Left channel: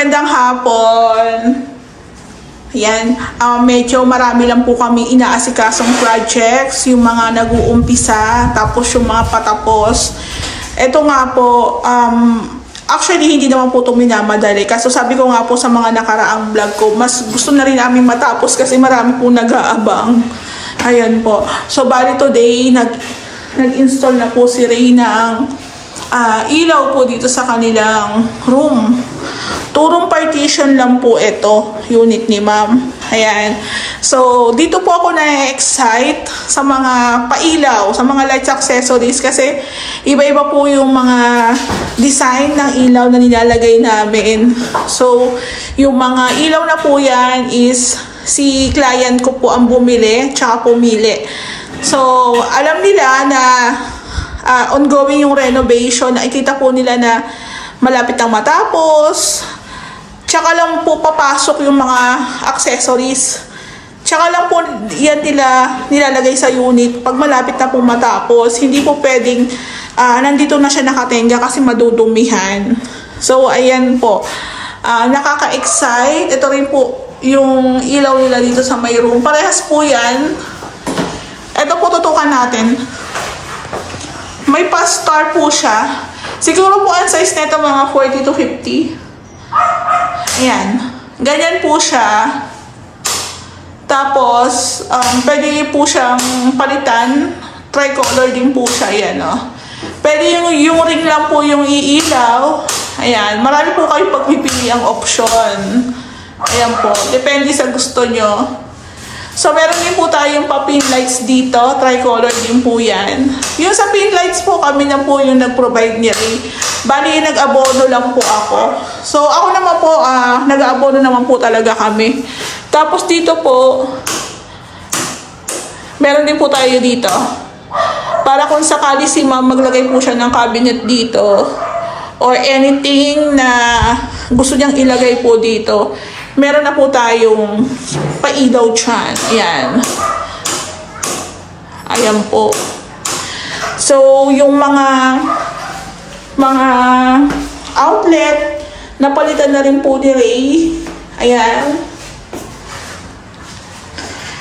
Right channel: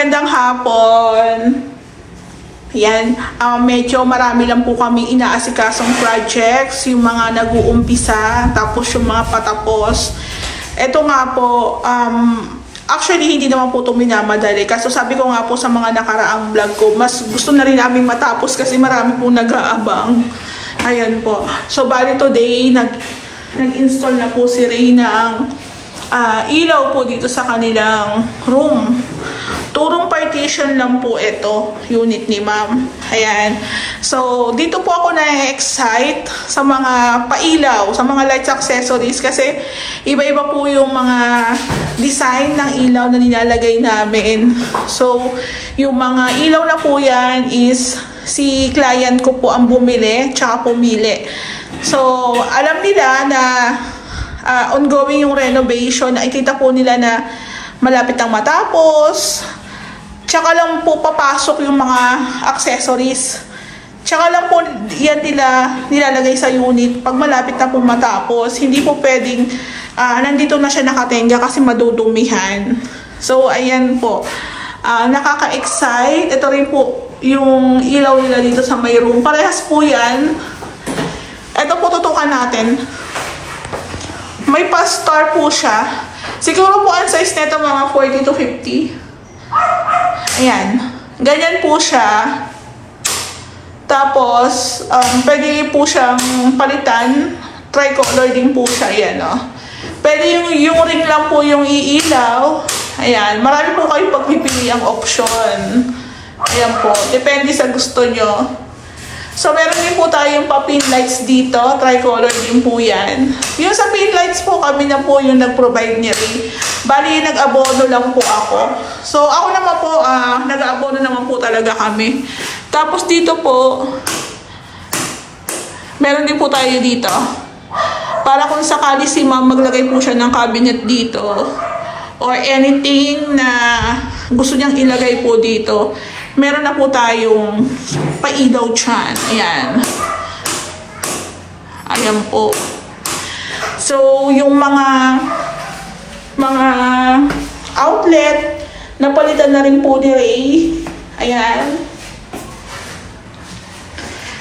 magandang hapon. Ayan, medyo marami lang po kami inaasikasong projects, yung mga nag-uumpisa, tapos yung mga patapos. Ito nga po, actually hindi naman po ito minamadali. Kaso sabi ko nga po sa mga nakaraang vlog ko, mas gusto na rin namin matapos kasi marami po nag-aabang. Ayan po. So bali today, nag-install na po si Reyna ang ilaw po dito sa kanilang room. Turong partition lang po ito, unit ni ma'am. Ayan. So, dito po ako na-excite sa mga pailaw, sa mga lights accessories kasi iba-iba po yung mga design ng ilaw na nilalagay namin. So, yung mga ilaw na po yan is si client ko po ang bumili, tsaka pumili. So, alam nila na ongoing yung renovation. Nakikita po nila na malapit ang matapos. Tsaka lang po papasok yung mga accessories. Tsaka lang po yan nilalagay sa unit pag malapit na po matapos. Hindi po pwedeng nandito na siya nakatenga kasi madudumihan. So, ayan po. Nakaka-excite. Ito rin po yung ilaw nila dito sa may room. Parehas po yan. Ito po tutukan natin. May pa-star po siya. Siguro po ang size nito mga 40 to 50. Ayan. Ganyan po siya. Tapos, pwede po siyang palitan. Tricolor din po siya. Ayan, oh. Pwede yung ring lang po yung iilaw. Ayan. Marami po kayong pagpipili ang option. Ayan po. Depende sa gusto nyo. So, meron din po tayong pa-pin lights dito. Tricolor din po yan. Yung sa pin lights po, kami na po yung nag-provide niya rin. Bali, nag-abono lang po ako. So, ako naman po, nag-abono naman po talaga kami. Tapos dito po, meron din po tayo dito. Para kung sakali si ma'am maglagay po siya ng cabinet dito or anything na gusto niyang ilagay po dito, meron na po tayong pailaw dyan. Ayan. Ayan po. So, yung mga outlet, napalitan na rin po ni Ray. Ayan.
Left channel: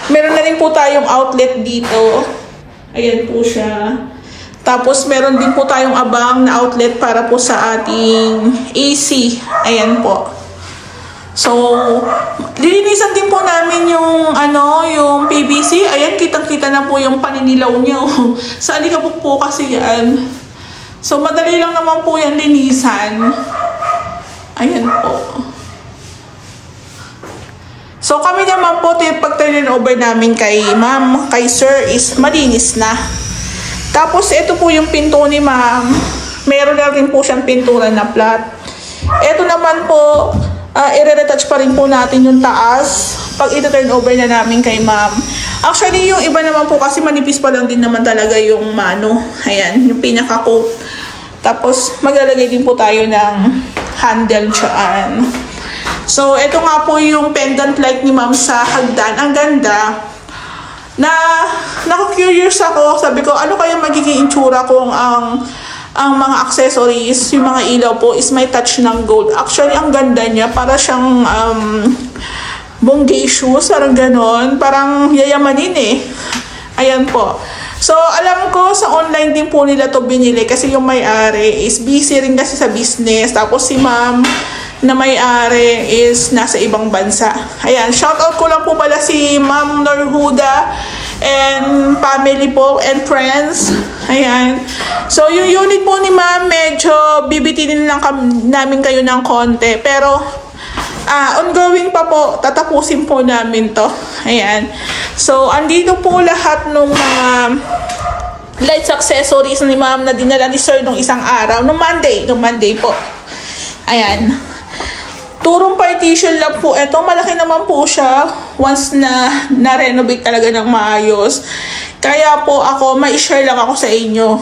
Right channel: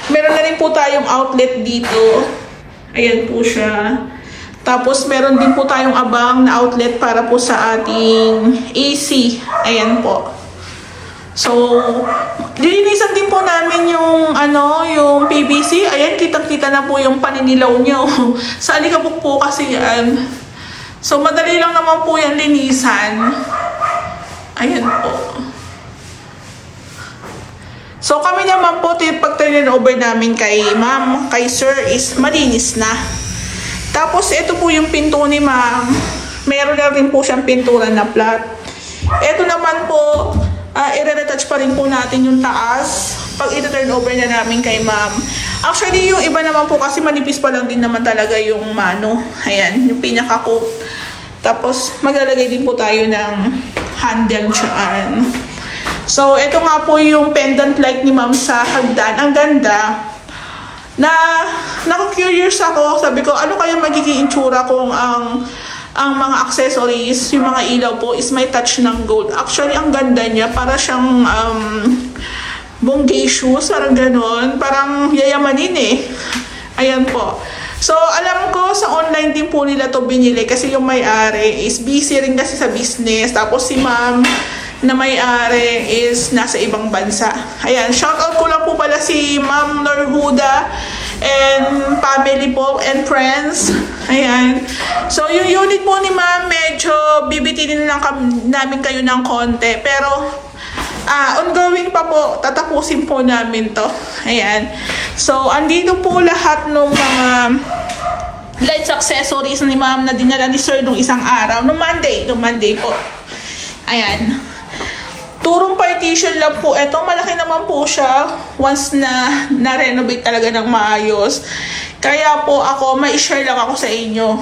Meron na rin po tayong outlet dito. Ayan po siya. Tapos, meron din po tayong abang na outlet para po sa ating AC. Ayan po. So, lilinisan din po namin yung yung PVC. Ayan, kitang-kita na po yung paninilaw niyo. Sa alikabok po kasi yan. So, madali lang naman po yan linisan. Ayan po. So, kami naman po, pag-turn over namin kay ma'am, kay sir, is malinis na. Tapos, ito po yung pinto ni ma'am. Meron na rin po siyang pintura na flat. Ito naman po, i-retouch pa rin po natin yung taas pag ito-turn over na namin kay ma'am. Actually, yung iba naman po kasi manipis pa lang din naman talaga yung mano. Ayan, yung pinaka-coat. Tapos, maglalagay din po tayo ng handle dyan. So, ito nga po yung pendant light ni ma'am sa hagdan. Ang ganda. Naku-curious ako. Sabi ko, ano kaya magiging itsura kung ang mga accessories, yung mga ilaw po, is may touch ng gold. Actually, ang ganda niya. Para siyang bonggay shoes. Parang ganon. Parang yayamanin eh. Ayan po. So, alam ko, sa online din po nila to binili kasi yung may-ari is busy rin kasi sa business. Tapos si ma'am na may-ari is nasa ibang bansa. Ayan, shoutout ko lang po pala si Ma'am Norhuda and family po and friends. Ayan. So, yung unit po ni ma'am, medyo bibitinin lang namin kayo ng konti. Pero, ongoing pa po, tatapusin po namin to. Ayan. So, andito po lahat ng mga lights accessories ni ma'am na dinala ni sir nung isang araw. Nung Monday po. Ayan. Turong partition lang po. Ito, malaki naman po siya once na na-renovate talaga ng maayos. Kaya po ako, ma-share lang ako sa inyo.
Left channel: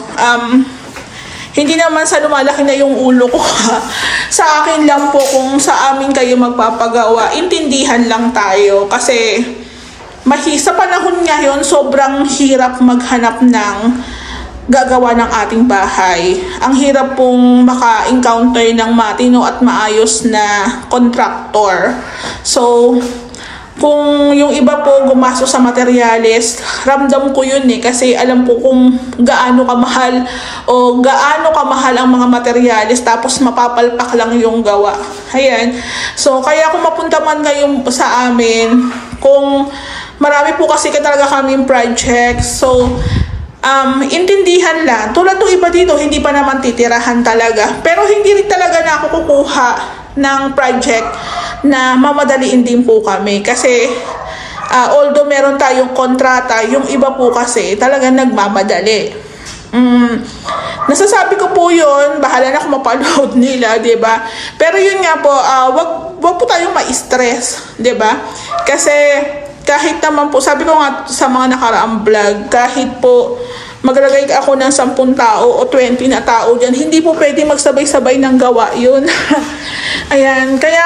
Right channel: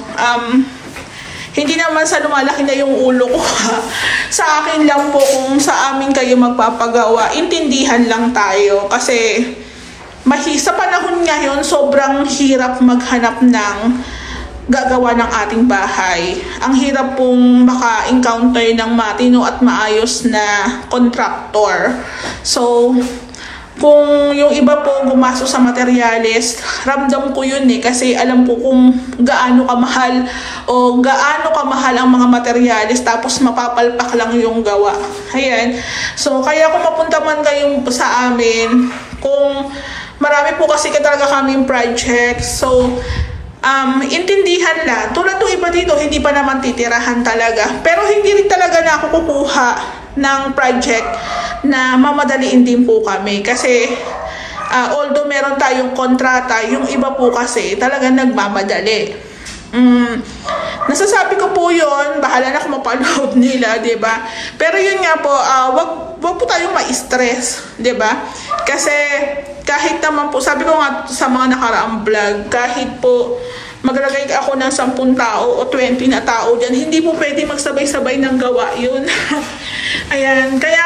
Hindi naman sa lumalaki na yung ulo ko. Sa akin lang po kung sa amin kayo magpapagawa. Intindihan lang tayo. Kasi sa panahon ngayon, sobrang hirap maghanap ng gagawa ng ating bahay. Ang hirap pong maka-encounter ng matino at maayos na contractor. So, kung yung iba po gumastos sa materyales, ramdam ko yun kasi alam ko kung gaano kamahal o gaano kamahal ang mga materyales tapos mapapalpak lang yung gawa. Ayan. So, kaya kung mapunta man kayo sa amin, kung marami po kasi talaga kaming project, so, intindihan lang. Tulad ng iba dito, hindi pa naman titirahan talaga. Pero hindi rin talaga na ako kukuha ng project na mamadaliin din po kami. Kasi, although meron tayong kontrata, yung iba po kasi talaga nagmamadali. Nasasabi ko po yun, bahala na kung mapanood nila, diba? Pero yun nga po, wag po tayong ma-stress, diba? Kasi, kahit naman po, sabi ko nga sa mga nakaraang vlog, kahit po maglagay ako ng 10 tao o 20 na tao dyan, hindi po pwede magsabay-sabay ng gawa yun. Ayan, kaya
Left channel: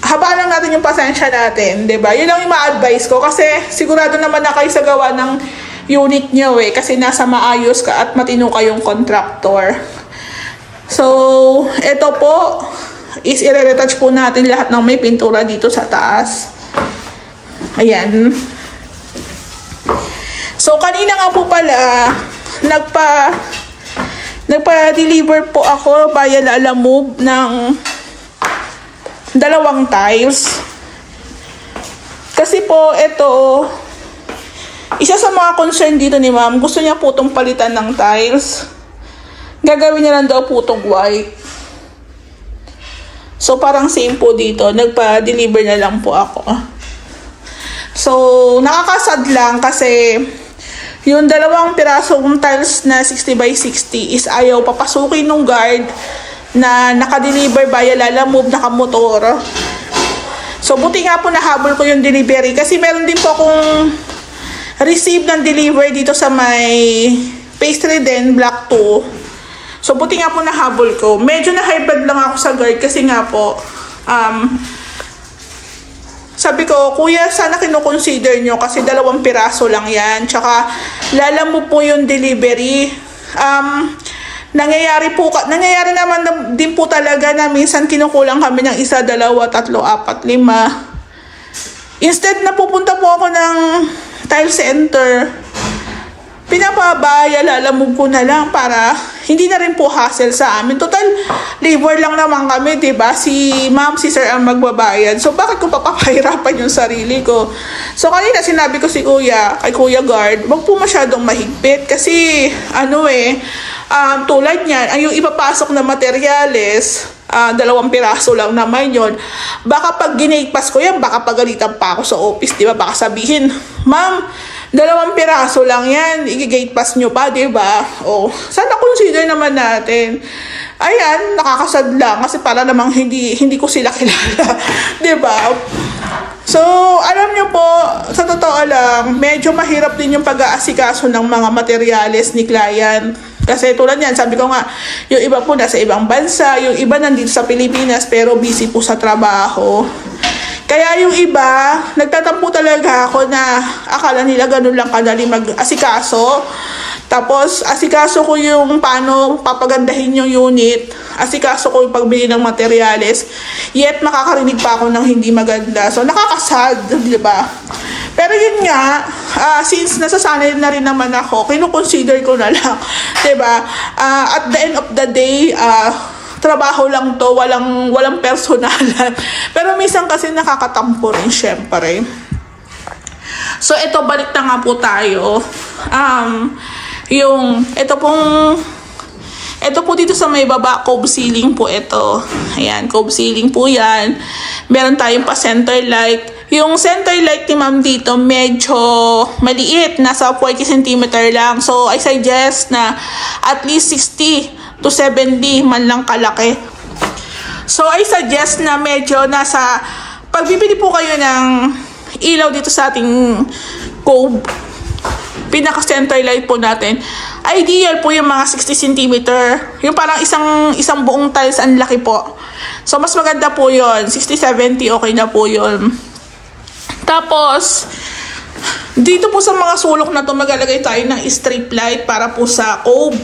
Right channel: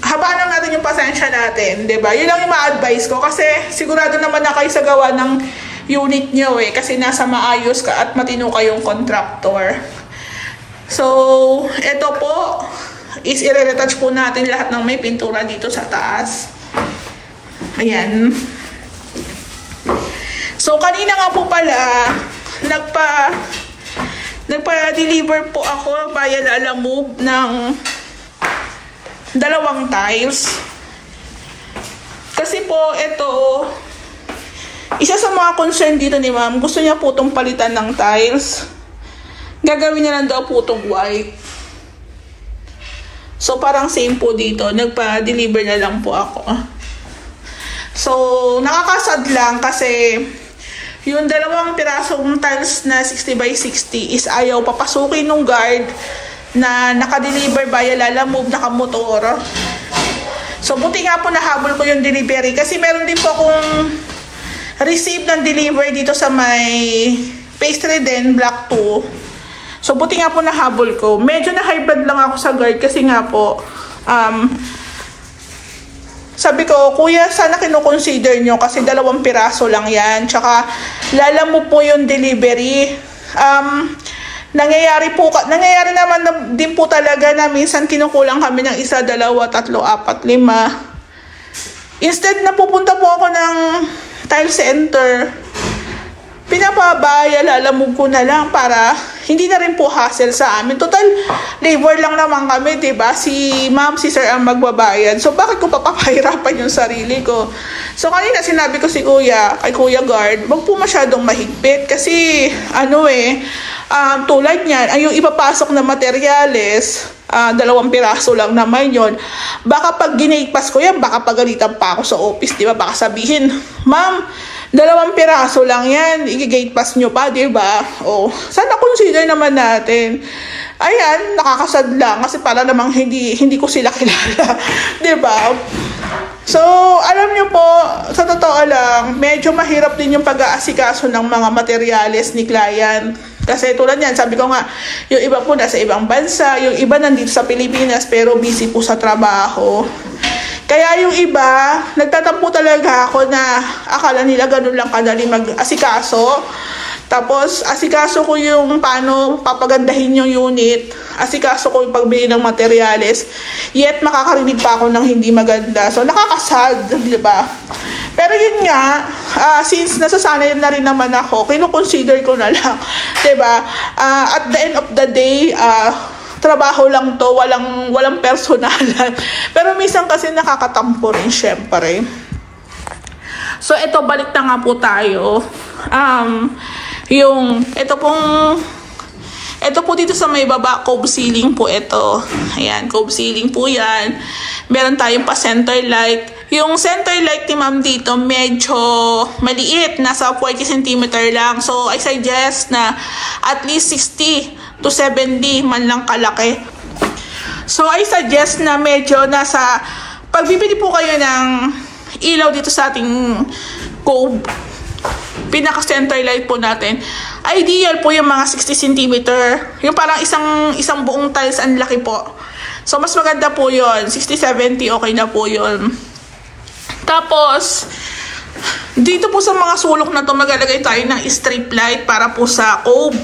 habaan lang natin yung pasensya natin, diba? Yun lang yung ma-advise ko kasi sigurado naman na kayo sa gawa ng unit nyo kasi nasa maayos ka at matino kayong contractor. So, ito po is i-retouch po natin lahat ng may pintura dito sa taas. Ayan. So, kanina nga po pala, nagpa-deliver po ako via Lalamove ng 2 tiles. Kasi po, ito, isa sa mga concern dito ni ma'am, gusto niya po itong palitan ng tiles. Gagawin niya lang daw po itong white. So, parang same po dito. Nagpa-deliver na lang po ako. So, nakakasad lang kasi yung 2 pirasong tiles na 60 by 60 is ayaw papasukin ng guard na naka-deliver via Lalamove, naka-motor. So, buti nga po nahabol ko yung delivery kasi meron din po akong receive ng delivery dito sa may pastry din, block 2. So, buti nga po nahabol ko. Medyo na-hybrid lang ako sa guard kasi nga po, sabi ko, kuya, sana kino-consider nyo kasi 2 piraso lang yan. Tsaka, Lalamove po yung delivery. Nangyayari naman din po talaga na minsan kinukulang kami ng 1, 2, 3, 4, 5. Instead na pupunta po ako ng tile center, pinapabaya, Lalamove ko na lang para hindi na rin po hassle sa amin. Total, labor lang naman kami, diba? Si ma'am, si sir ang magbabayad. So, bakit ko papapahirapan yung sarili ko? So, kanina sinabi ko si kuya, kay Kuya Guard, wag po masyadong mahigpit. Kasi, tulad niyan, ay yung ipapasok na materyales, 2 piraso lang naman yun. Baka pag ginigpas ko yan, baka pagalitan pa ako sa office, diba? Baka sabihin, ma'am, 2 piraso lang yan, i-gate pass nyo pa, diba? O, sana consider naman natin. Ayan, nakakasad lang kasi para namang hindi ko sila kilala, diba? So, alam nyo po, sa totoo lang, medyo mahirap din yung pag-aasikaso ng mga materyales ni client. Kasi tulad yan, sabi ko nga, yung iba po nasa ibang bansa, yung iba nandito sa Pilipinas pero busy po sa trabaho. Kaya yung iba, nagtatampo talaga ako na akala nila ganun lang kadali mag-asikaso. Tapos, asikaso ko yung paano papagandahin yung unit. Asikaso ko yung pagbili ng materyales. Yet, makakarinig pa ako ng hindi maganda. So, nakakasad, di ba? Pero yun nga, since nasasanay na rin naman ako, kinukonsider ko na lang. Di ba? At the end of the day, trabaho lang to, walang personalan. Pero minsan kasi nakakatampo rin, syempre. So, ito, balik na nga po tayo. Ito po dito sa may baba, cove ceiling po ito. Ayan, cove ceiling po yan. Meron tayong pa center light. Yung center light ni ma'am dito, medyo maliit. Nasa 40 cm lang. So, I suggest na at least 60 to 70 man lang kalaki. So, I suggest na medyo nasa, pagbibili po kayo ng ilaw dito sa ating cove, pinaka-center light po natin, ideal po yung mga 60 cm. Yung parang isang buong tiles, ang laki po. So, mas maganda po yun. 60-70, okay na po yun. Tapos, Dito po sa mga sulok na to, maglalagay tayo ng strip light para po sa cove.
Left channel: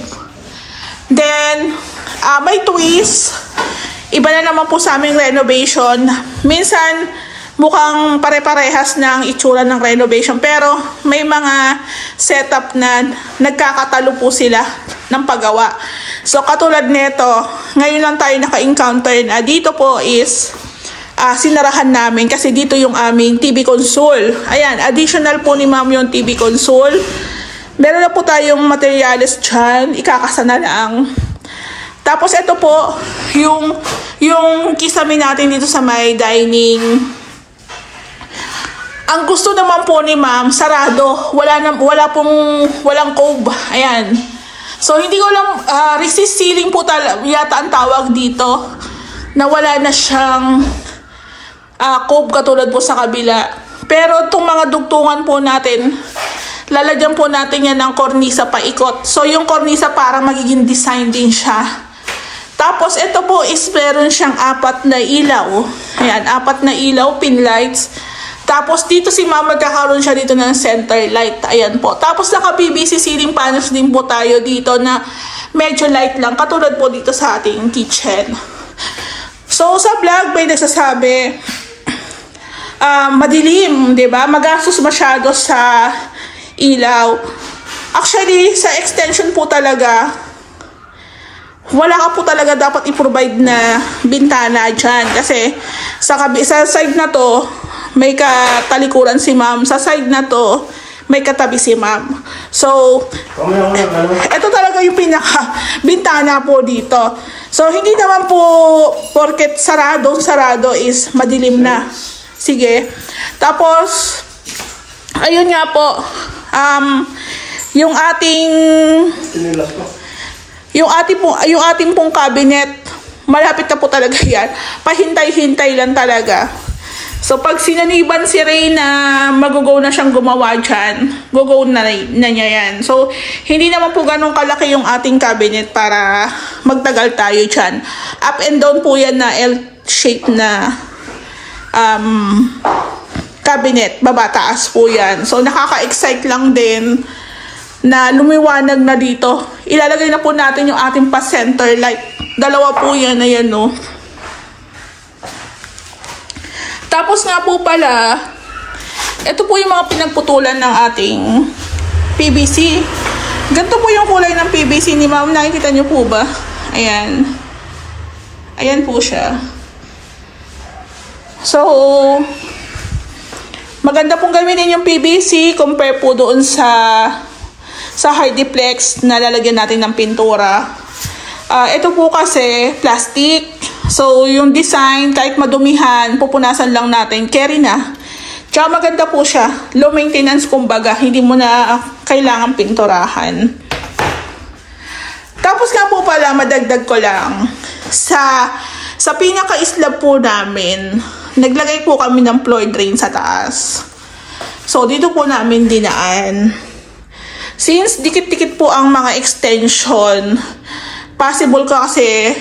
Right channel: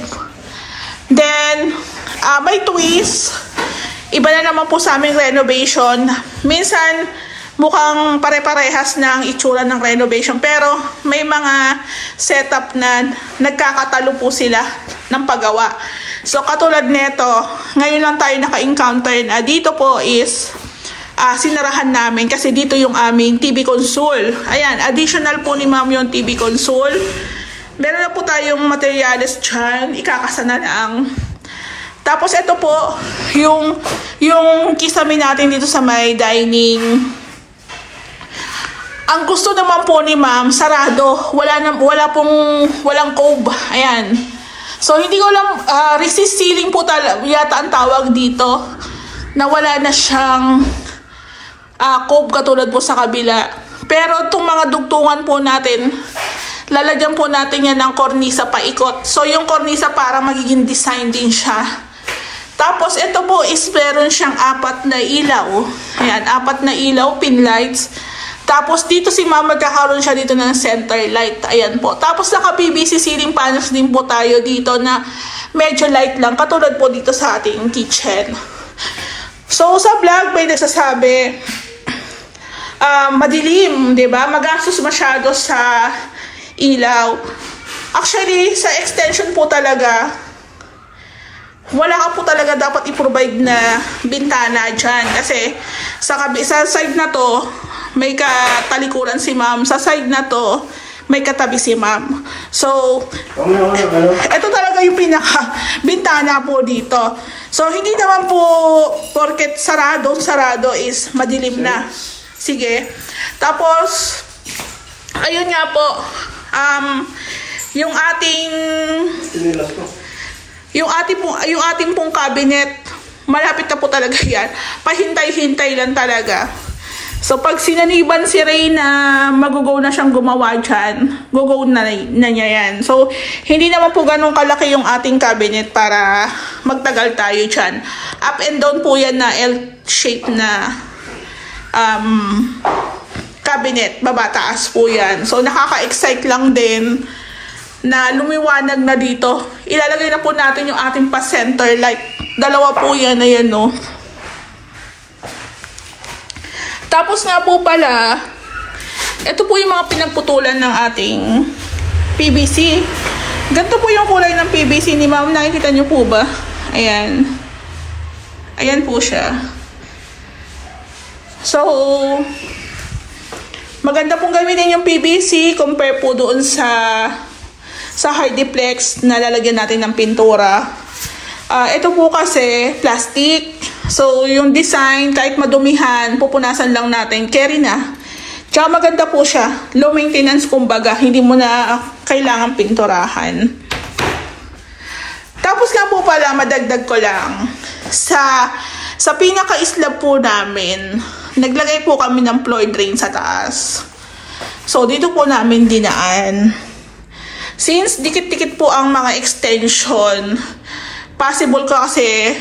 Then, may twist. Iba na naman po sa aming renovation. Minsan, mukhang pare-parehas ng itsura ng renovation. Pero, may mga setup na nagkakatalo po sila ng paggawa. So, katulad nito, ngayon lang tayo naka-encounter na dito po is sinarahan namin kasi dito yung aming TV console. Ayan, additional po ni ma'am yung TV console. Meron na po tayong materials dyan. Ikakasa na lang. Tapos ito po, yung kisame natin dito sa may dining. Ang gusto naman po ni ma'am, sarado. Walang cove. Ayan. So, hindi ko lang, resist ceiling po yata ang tawag dito. Na wala na siyang cove katulad po sa kabila. Pero itong mga dugtungan po natin, lalagyan po natin yan ng kornisa paikot. So, yung kornisa para magiging design din siya. Tapos, ito po is meron siyang 4 na ilaw. Ayan, 4 na ilaw, pin lights. Tapos, dito si ma'am magkakaroon siya dito ng center light. Ayan po. Tapos, naka-PVC ceiling panels din po tayo dito na medyo light lang. Katulad po dito sa ating kitchen. So, sa vlog, may nagsasabi, madilim, diba? Magastos masyado sa ilaw. Actually, sa extension po talaga, wala ka po talaga dapat i-provide na bintana dyan. Kasi sa side na to, may katalikuran si ma'am. Sa side na to, may katabi si ma'am. So, ito talaga yung pinaka-bintana po dito. So, hindi naman po porket sarado is madilim na. Sige. Tapos, ayun nga po, yung ating pong cabinet, malapit na po talaga yan. Pahintay-hintay lang talaga. So, pag sinaniban si Ray na mag-go na siyang gumawa dyan, go na niya yan. So, hindi naman po ganun kalaki yung ating cabinet para magtagal tayo dyan. Up and down po yan na L-shape na cabinet. Babataas po yan. So, nakaka-excite lang din na lumiwanag na dito. Ilalagay na po natin yung ating pa-center light. 2 po yan. Ayan, no? Tapos nga po pala, ito po yung mga pinagputulan ng ating PVC. Ganito po yung kulay ng PVC ni ma'am. Nakikita nyo po ba? Ayan. Ayan po siya. So, maganda pong gamitin yung PVC compare po doon sa Hardiplex na lalagyan natin ng pintura. Ito po kasi plastic. So, yung design, kahit madumihan, pupunasan lang natin. Carry na. Tsaka maganda po siya. Low maintenance kumbaga. Hindi mo na kailangan pinturahan. Tapos nga po pala, madagdag ko lang. Sa pinaka-slab po namin, naglagay po kami ng floor drain sa taas. So, dito po namin dinaan. Since dikit-dikit po ang mga extension, possible ka kasi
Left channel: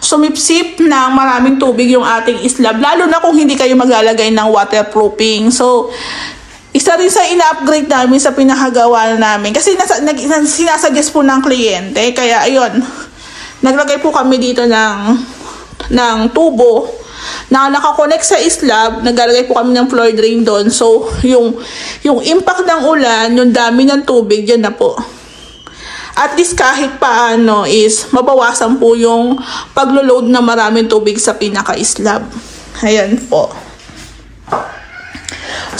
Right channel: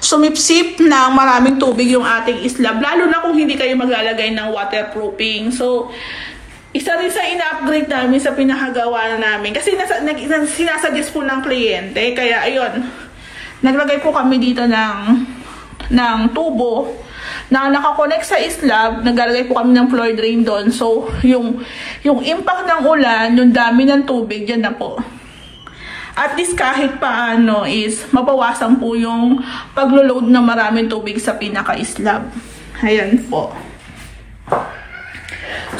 sumipsip ng maraming tubig yung ating slab. Lalo na kung hindi kayo maglalagay ng waterproofing. So, isa rin sa ina-upgrade namin sa pinakagawa namin. Kasi sinasuggest po ng kliyente. Kaya, ayun, naglagay po kami dito ng tubo na nakakonect sa slab. Naglalagay po kami ng floor drain doon. So, yung impact ng ulan, yung dami ng tubig, yan na po. At least kahit paano is mabawasan po yung paglo-load na maraming tubig sa pinaka-slab. Ayan po.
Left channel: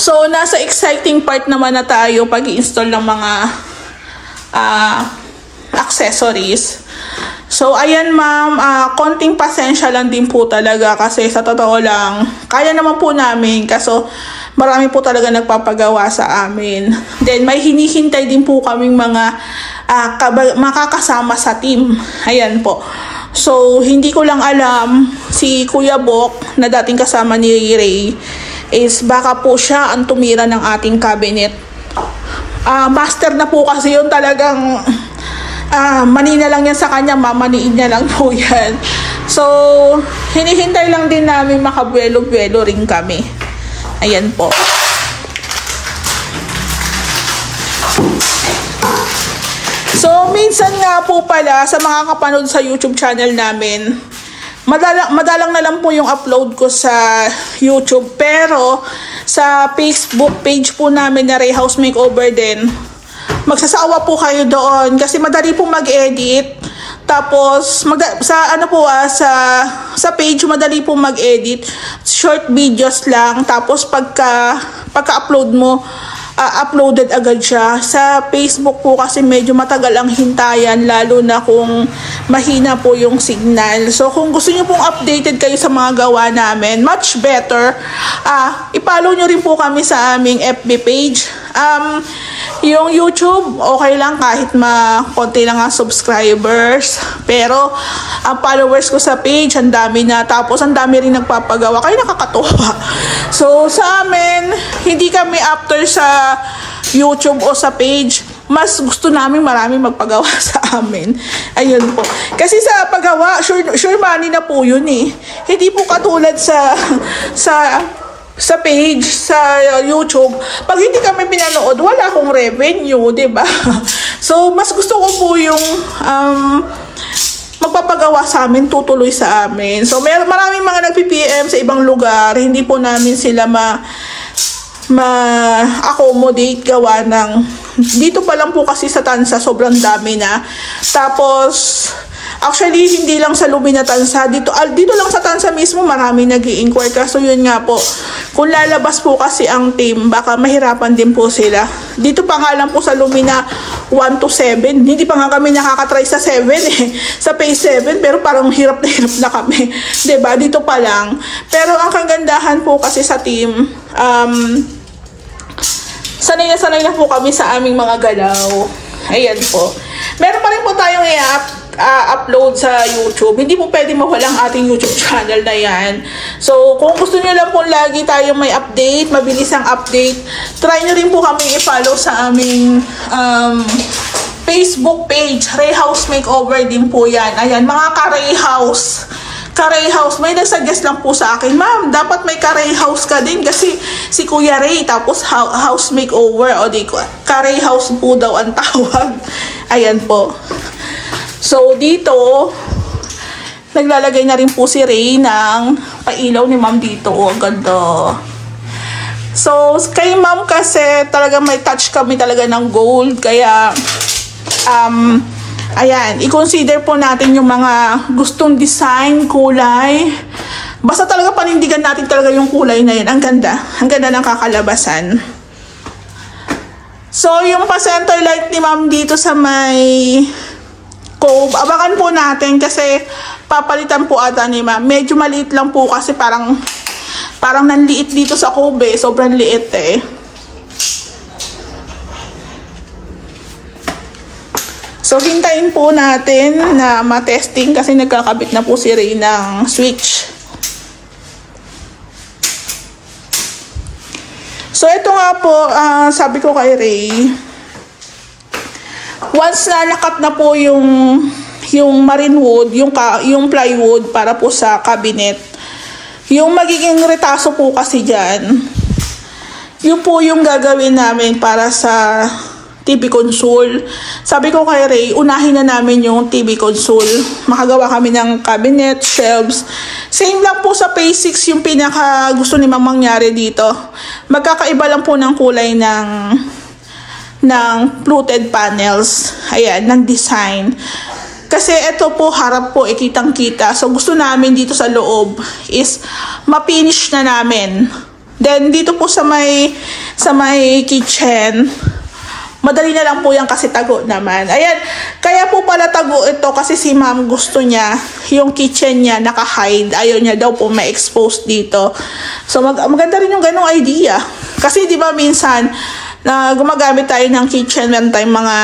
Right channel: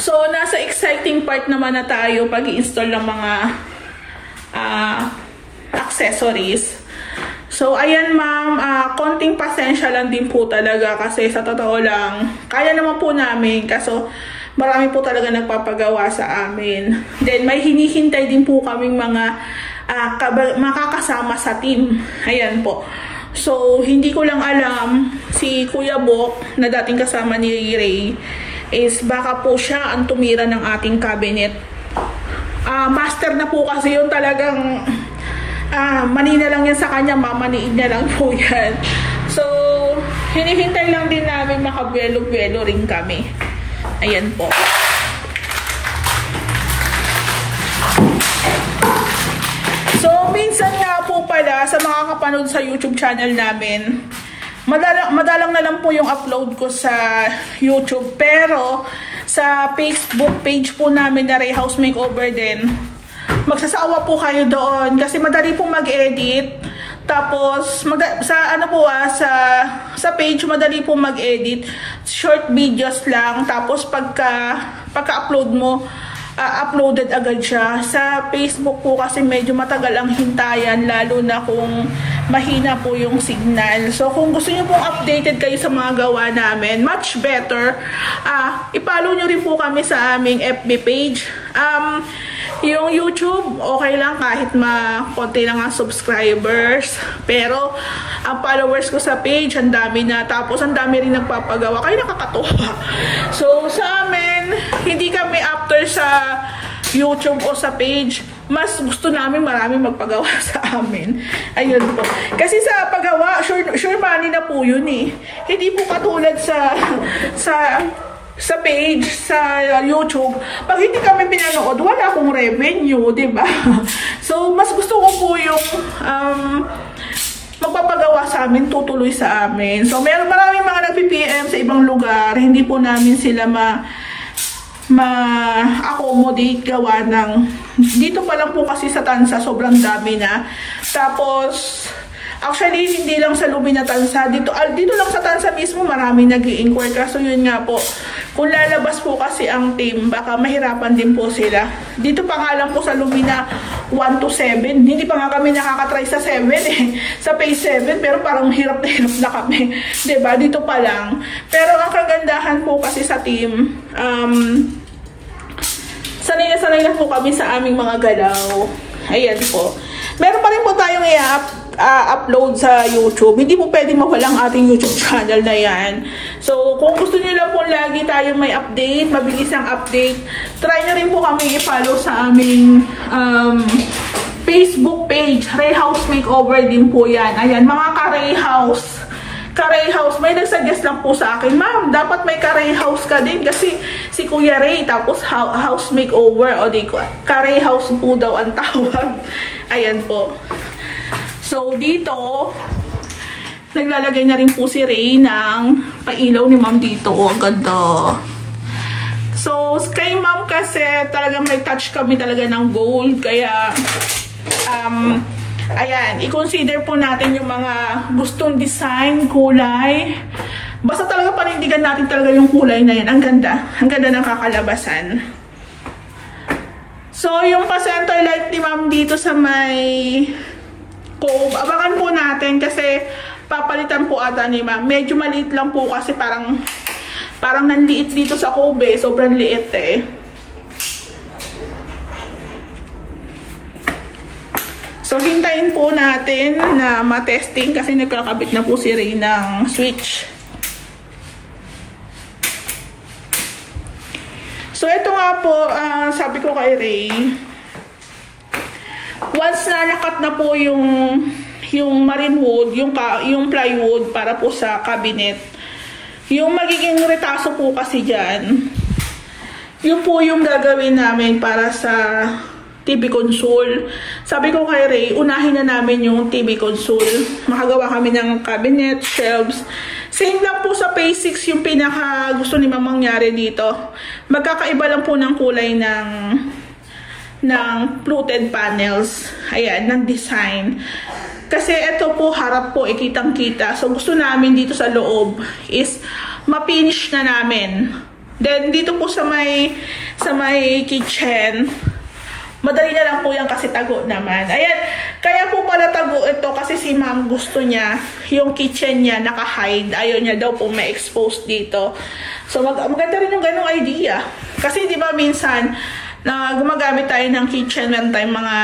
So, nasa exciting part naman na tayo pag-i-install ng mga accessories. So, ayan ma'am, konting pasensya lang din po talaga kasi sa totoo lang, kaya naman po namin kaso marami po talaga nagpapagawa sa amin. Then, may hinihintay din po kaming mga makakasama sa team. Ayan po. So, hindi ko lang alam si Kuya Bok na dating kasama ni Ray is baka po siya ang tumira ng ating cabinet. Master na po kasi yun talagang manina lang yan sa kanya, mamaniin niya lang po yan. So, hinihintay lang din namin makabuelo-buelo rin kami. Ayan po. So, minsan nga po pala sa mga kapanood sa YouTube channel namin, madalang na lang po yung upload ko sa YouTube. Pero, sa Facebook page po namin na Ray House Makeover din, magsasawa po kayo doon kasi madali po mag-edit. Tapos, sa page, madali po mag-edit. Short videos lang. Tapos, pagka-upload mo, uploaded agad siya. Sa Facebook po kasi medyo matagal ang hintayan, lalo na kung mahina po yung signal. So, kung gusto niyo pong updated kayo sa mga gawa namin, much better, i-follow nyo rin po kami sa aming FB page. Yung YouTube, okay lang kahit konti lang ang subscribers. Pero, ang followers ko sa page, ang dami na. Tapos, ang dami rin nagpapagawa. Kaya nakakatuwa. So, sa amin, hindi kami after sa YouTube o sa page. Mas gusto namin maraming magpagawa sa amin. Ayun po. Kasi sa paggawa, sure money na po yun eh. Hindi po katulad sa page, sa YouTube, pag hindi kami pinanood, wala akong revenue, diba? So, mas gusto ko po yung magpapagawa sa amin, tutuloy sa amin. So, maraming mga nag-PPM sa ibang lugar, hindi po namin sila ma-accommodate gawa ng, dito pa lang po kasi sa Tansa, sobrang dami na. Tapos, actually, hindi lang sa Lumina Tansa. Dito lang sa Tansa mismo, marami nag-i-inquire. Kaso yun nga po, kung lalabas po kasi ang team, baka mahirapan din po sila. Dito pa nga lang po sa Lumina 1 to 7. Hindi pa nga kami nakakatry sa 7 eh. Sa phase 7, pero parang hirap na kami. Diba? Dito pa lang. Pero ang kagandahan po kasi sa team, sanay na po kami sa aming mga galaw. Ayan po. Meron pa rin po tayong upload sa YouTube. Hindi po pwede mawala ang ating YouTube channel na yan. So, kung gusto nyo lang po lagi tayong may update, mabilis ang update, try nyo rin po kami i-follow sa aming Facebook page. Ray House Makeover din po yan. Ayan, mga ka-Ray House. Ka-Ray House, may nagsuggest lang po sa akin, ma'am, dapat may ka-Ray House ka din kasi si Kuya Ray, tapos house makeover, o di ko, ka-Ray House po daw ang tawag. Ayan po. So, dito, naglalagay na rin po si Ray ng pailaw ni ma'am dito. O, ganda. So, kay ma'am kasi talaga may touch kami talaga ng gold. Kaya, ayan, i-consider po natin yung mga gustong design, kulay. Basta talaga panindigan natin talaga yung kulay na yan. Ang ganda. Ang ganda ng kakalabasan. So, yung pa-center light ni ma'am dito sa may cove, abakan po natin kasi papalitan po ata ni ma'am. Medyo maliit lang po kasi parang nanliit dito sa cove eh. Sobrang liit eh. So, hintayin po natin na matesting kasi nagkakabit na po si Ray ng switch. So, ito nga po, sabi ko kay Ray, once na nakat na po yung marine wood, yung plywood para po sa cabinet, yung magiging retaso po kasi dyan, yun po yung gagawin namin para sa TV console. Sabi ko kay Ray, unahin na namin yung TV console. Makagawa kami ng cabinet, shelves. Same lang po sa phase 6 yung pinaka gusto ni ma'am mangyari dito. Magkakaiba lang po ng kulay ng fluted panels. Ayan, ng design. Kasi ito po, harap po, kitang-kita. So, gusto namin dito sa loob is ma-finish na namin. Then, dito po sa may kitchen, madali na lang po yan kasi tago naman. Ayan, kaya po pala tago ito kasi si ma'am gusto niya, yung kitchen niya naka-hide. Ayaw niya daw po ma-expose dito. So, maganda rin yung ganong idea. Kasi di ba minsan, gumagamit tayo ng kitchen, meron tayong mga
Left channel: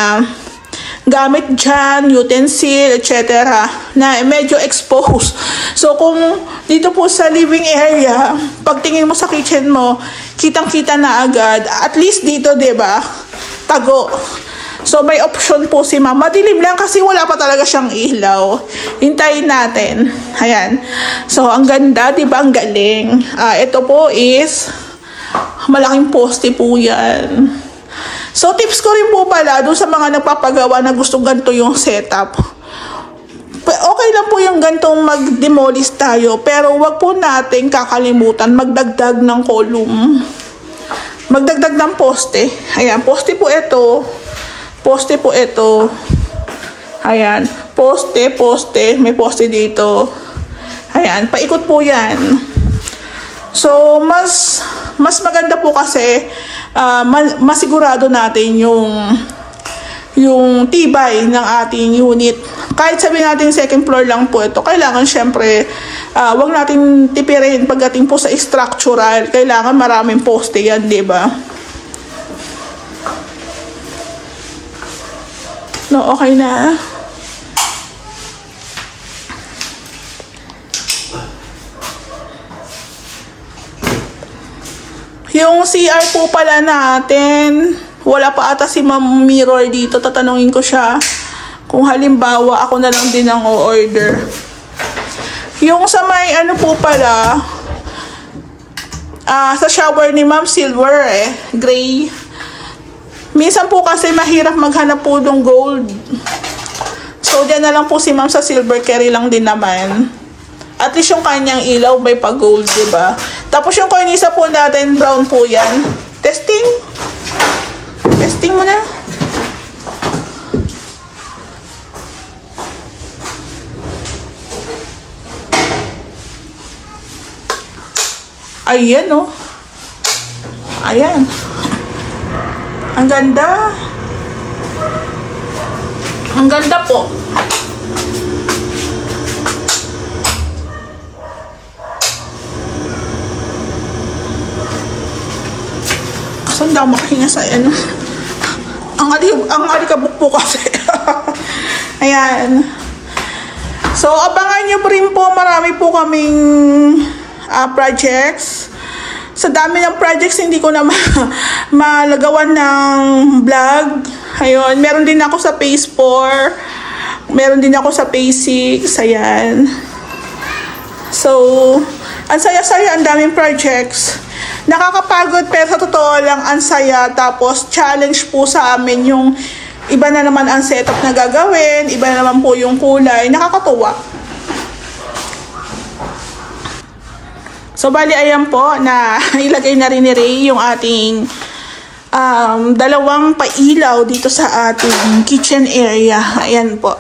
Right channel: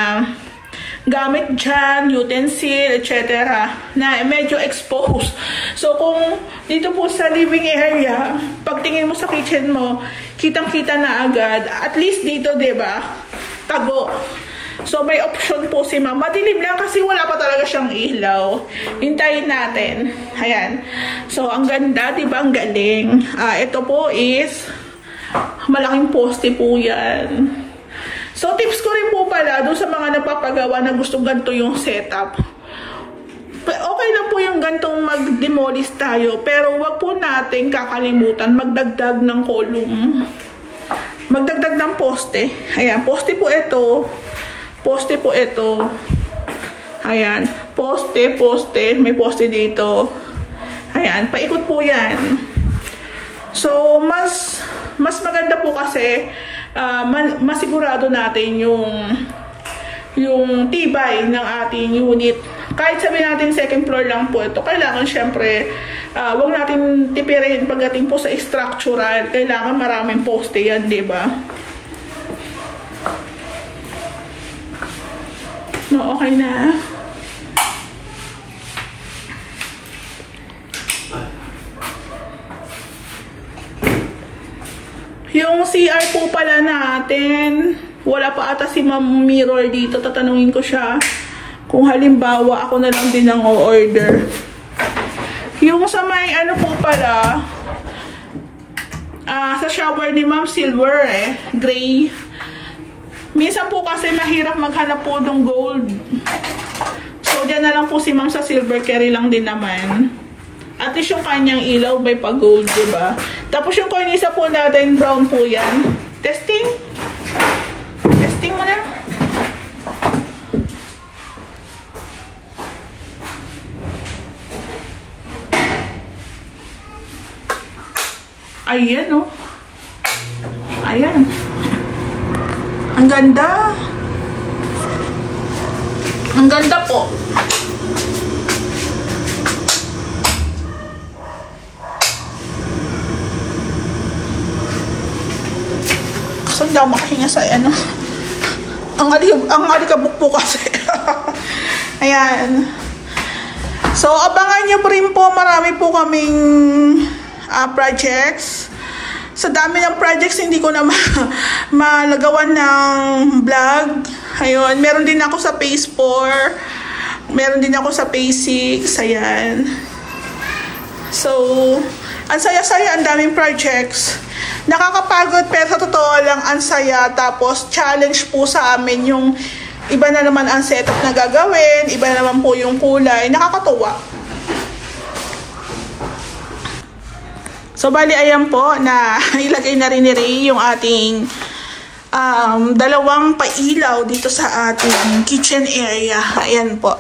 gamit dyan, utensil, etc. na medyo exposed. So, kung dito po sa living area, pagtingin mo sa kitchen mo, kitang-kita na agad. At least dito, diba, tago. So, may option po si ma'am. Madilim lang kasi wala pa talaga siyang ilaw. Hintayin natin. Ayan. So, ang ganda, diba? Ang galing. Ito po is malaking poste po yan. So, tips ko rin po pala doon sa mga nagpapagawa na gustong ganito yung setup. Okay lang po yung gantong mag-demolish tayo, pero wag po natin kakalimutan magdagdag ng column. Magdagdag ng poste. Ayan, poste po ito. Poste po ito. Ayan, poste, poste. May poste dito. Ayan, paikot po yan. So, mas maganda po kasi masigurado natin yung tibay ng ating unit. Kahit sabihin natin second floor lang po ito, kailangan syempre wag natin tipirin pagdating po sa structural. Kailangan maraming poste yan, di ba? No, okay na. Yung CR po pala natin, wala pa ata si Ma'am Mirror dito. Tatanungin ko siya kung halimbawa ako na lang din ang o-order. Yung sa may ano po pala, sa shower ni Ma'am Silver gray. Minsan po kasi mahirap maghanap po ng gold. So, dyan na lang po si Ma'am sa silver, carry lang din naman. At least yung kanyang ilaw may pag-gold, diba? Tapos yung cornisa po natin, brown po yan. Testing. Testing mo na. Ayan, oh. Ayan. Ang ganda. Ang ganda po. So, hindi ako makahinga sa ano. Ang alikabok po kasi. Ayan. So, abangan nyo rin po. Marami po kaming projects. Sa dami ng projects, hindi ko na malagawan ng vlog. Ayun. Meron din ako sa phase 4. Meron din ako sa phase 6. Ayan. So, ang saya-saya, ang daming projects. Nakakapagod pero sa totoo lang ang saya. Tapos challenge po sa amin yung iba na naman ang setup na gagawin, iba na naman po yung kulay. Nakakatuwa. So bali ayan po na ilagay na rin ni Ray yung ating dalawang pailaw dito sa ating kitchen area. Ayan po.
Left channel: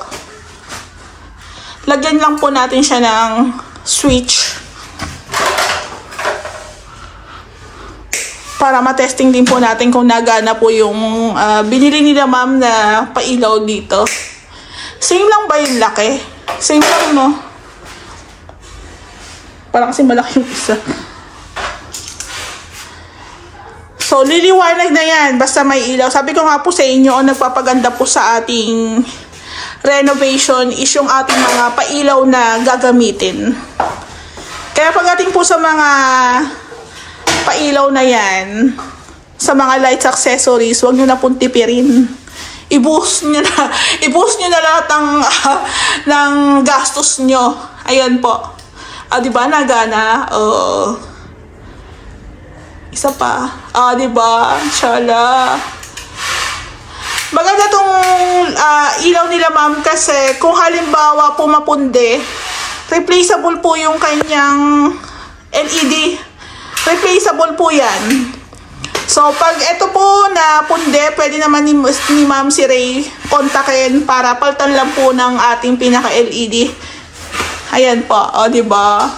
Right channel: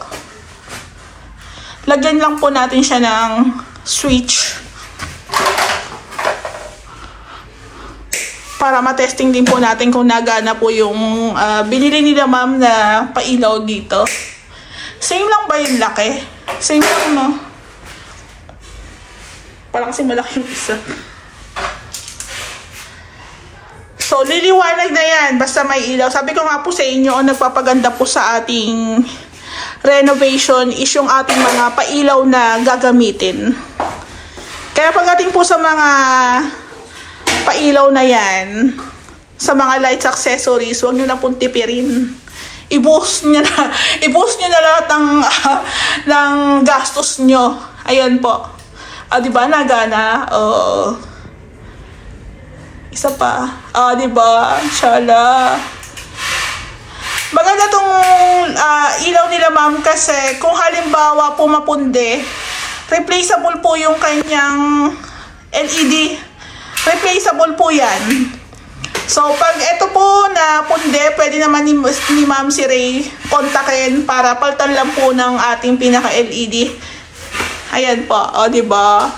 Lagyan lang po natin siya ng switch. Para matesting din po natin kung nagana po yung binili nila Ma'am na pailaw dito. Same lang ba yung laki? Same lang, no? Parang kasi malaki yung isa. So, liliwanag na yan. Basta may ilaw. Sabi ko nga po sa inyo, nagpapaganda po sa ating renovation is yung ating mga pailaw na gagamitin. Kaya pagdating po sa mga pailaw na yan, sa mga lights accessories, huwag nyo na pong tipirin. I-boost nyo na lahat ng gastos nyo. Ayan po. Diba, nagana? Isa pa. Diba? Inshallah. Maganda tong ilaw nila Ma'am kasi kung halimbawa pumapunde, replaceable po yung kanyang LED. Replaceable po yan. So, pag ito po na punde, pwede naman ni Ma'am si Ray kontakin para paltan lang po ng ating pinaka-LED. Ayan po. Diba?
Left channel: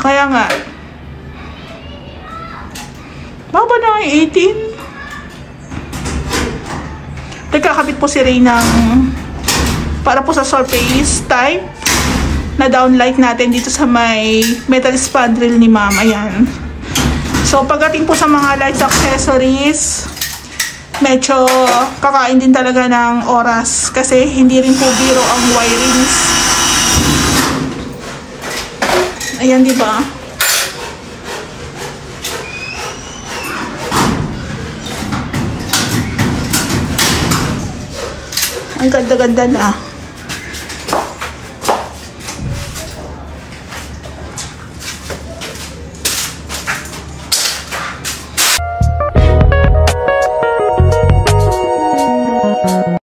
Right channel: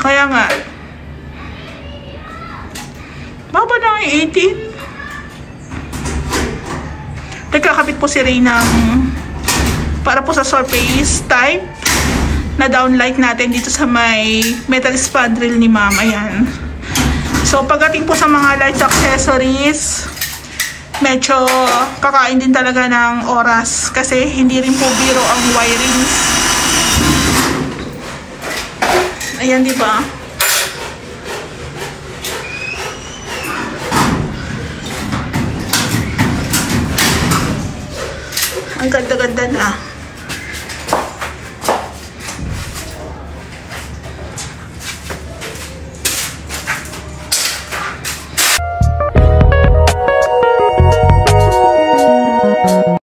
Kaya nga. Baba na ang 18. Nagkakabit po si Ray ng para po sa surface type na downlight natin dito sa may metal spandrel ni ma'am. Ayan. So pagdating po sa mga lights accessories, medyo kakain din talaga ng oras kasi hindi rin po biro ang wirings. Ayan, di ba? Ang ganda-ganda na.